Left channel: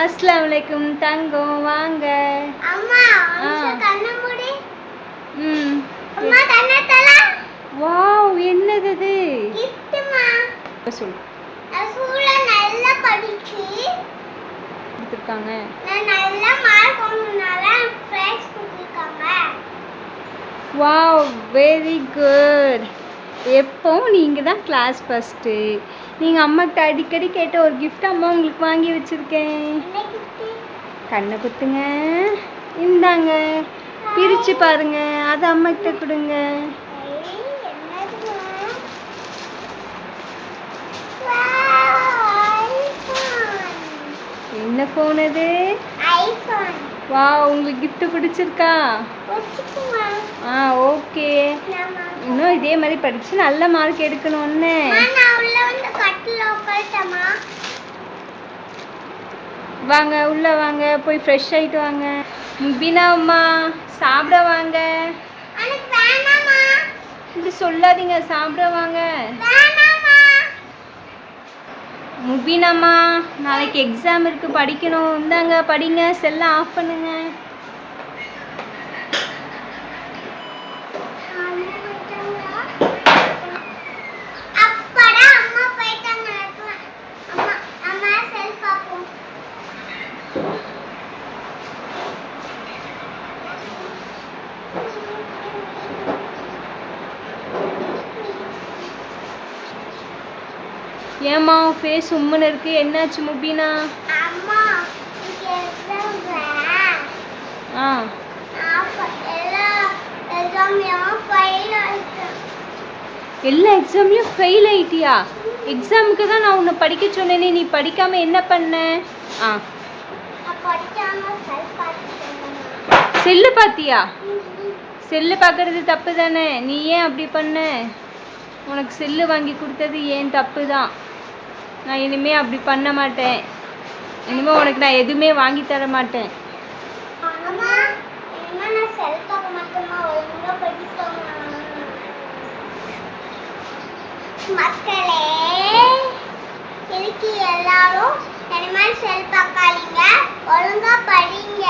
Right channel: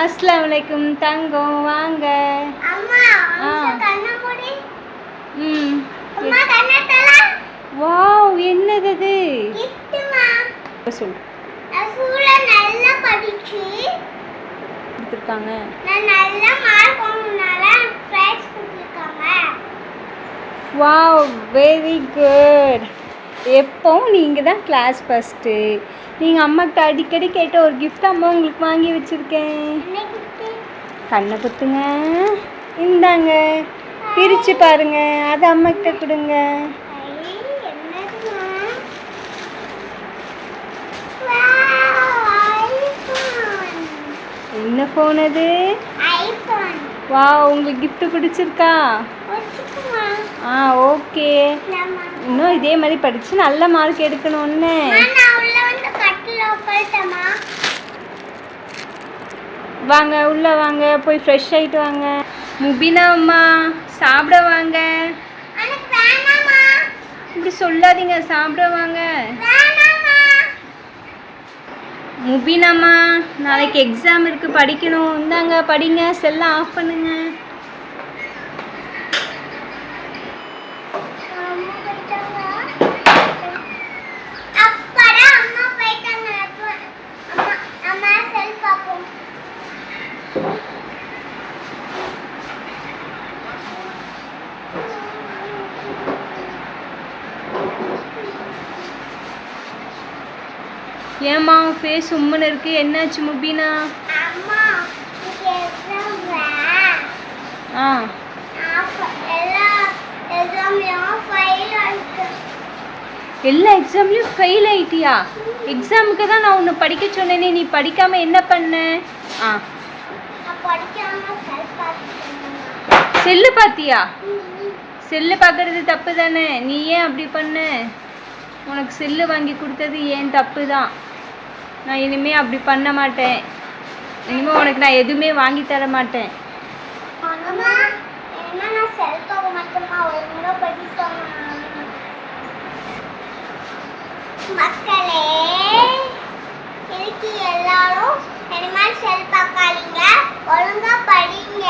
அஸ்ஸலாமு அலைக்கும் தங்கம் வாங்க. அம்மா கண்ண மூடி. அம்மா கண்ண தல. வாவ் என்னது இது? கிஃப்ட்மா. சொல்லு. ஸ்கூல்ல நல்லா படிச்சி கொடுத்திருக்காங்க. நான் நல்ல மார்க் வாங்குனால பிரைஸ் கொடுத்திருக்காங்க. Wow very good. எப்பவும் நீங்கள் தான் கிளாஸ் ஃபஸ்ட்டு. நீங்கள் அம்மாக்கிட்ட அடிக்கடி கேட்ட ஒரு கிஃப்ட் அம்மா உங்களுக்கு வாங்கி வச்சுருக்கேன். கண்ணை குத்துங்க. இந்தாங்க பிரித்து பாருங்க. அது அம்மாக்கிட்ட கொடுங்க. என்ன ஃபோன் அது? வா உங்களுக்கு கிஃப்ட் பிடிச்சிருக்கா? ஓகே. இன்னும் இதே மாதிரி படிச்சு நல்ல மார்க் எடுக்கணும்னு. வாங்க உள்ள வாங்க, போய் ஃப்ரெஷ் ஆயிட்டு வாங்க. முபினா அம்மா சாப்பிட வாங்க. இப்படி சொல்லாதீங்க, சாப்பிட வாங்க. முபினாம்மா நாளைக்கு எக்ஸாம் இருக்கு, படிக்கணும். இந்தாங்க படிங்க. செல்லை ஆஃப் பண்ணுங்க. ஏம்மா ஃபேஸ் உம்முன்னு இருக்கு, என்னாச்சு முபினா? எல்லா எக்ஸாம்லையும் ஃபெயில் ஆயிட்டியா? எக்ஸாமுக்கு தான் நான் உன்னை படிக்க சொன்னேனே, நீ படிக்காம என்ன பண்ண? செல்லு பார்த்தியா? செல்லு பார்க்கறது தப்பு தானே, நீ ஏன் அப்படி பண்ண? உனக்கு செல்லு வாங்கி கொடுத்தது ஏன் தப்பு தான். நான் இனிமேல் அப்படி பண்ண மாட்டேன். இனிமேல் உனக்கு நான் எதுவுமே வாங்கி தர மாட்டேன். மக்களே எல்லாரும் செல் பார்க்காதீங்க, ஒழுங்கா படிங்க.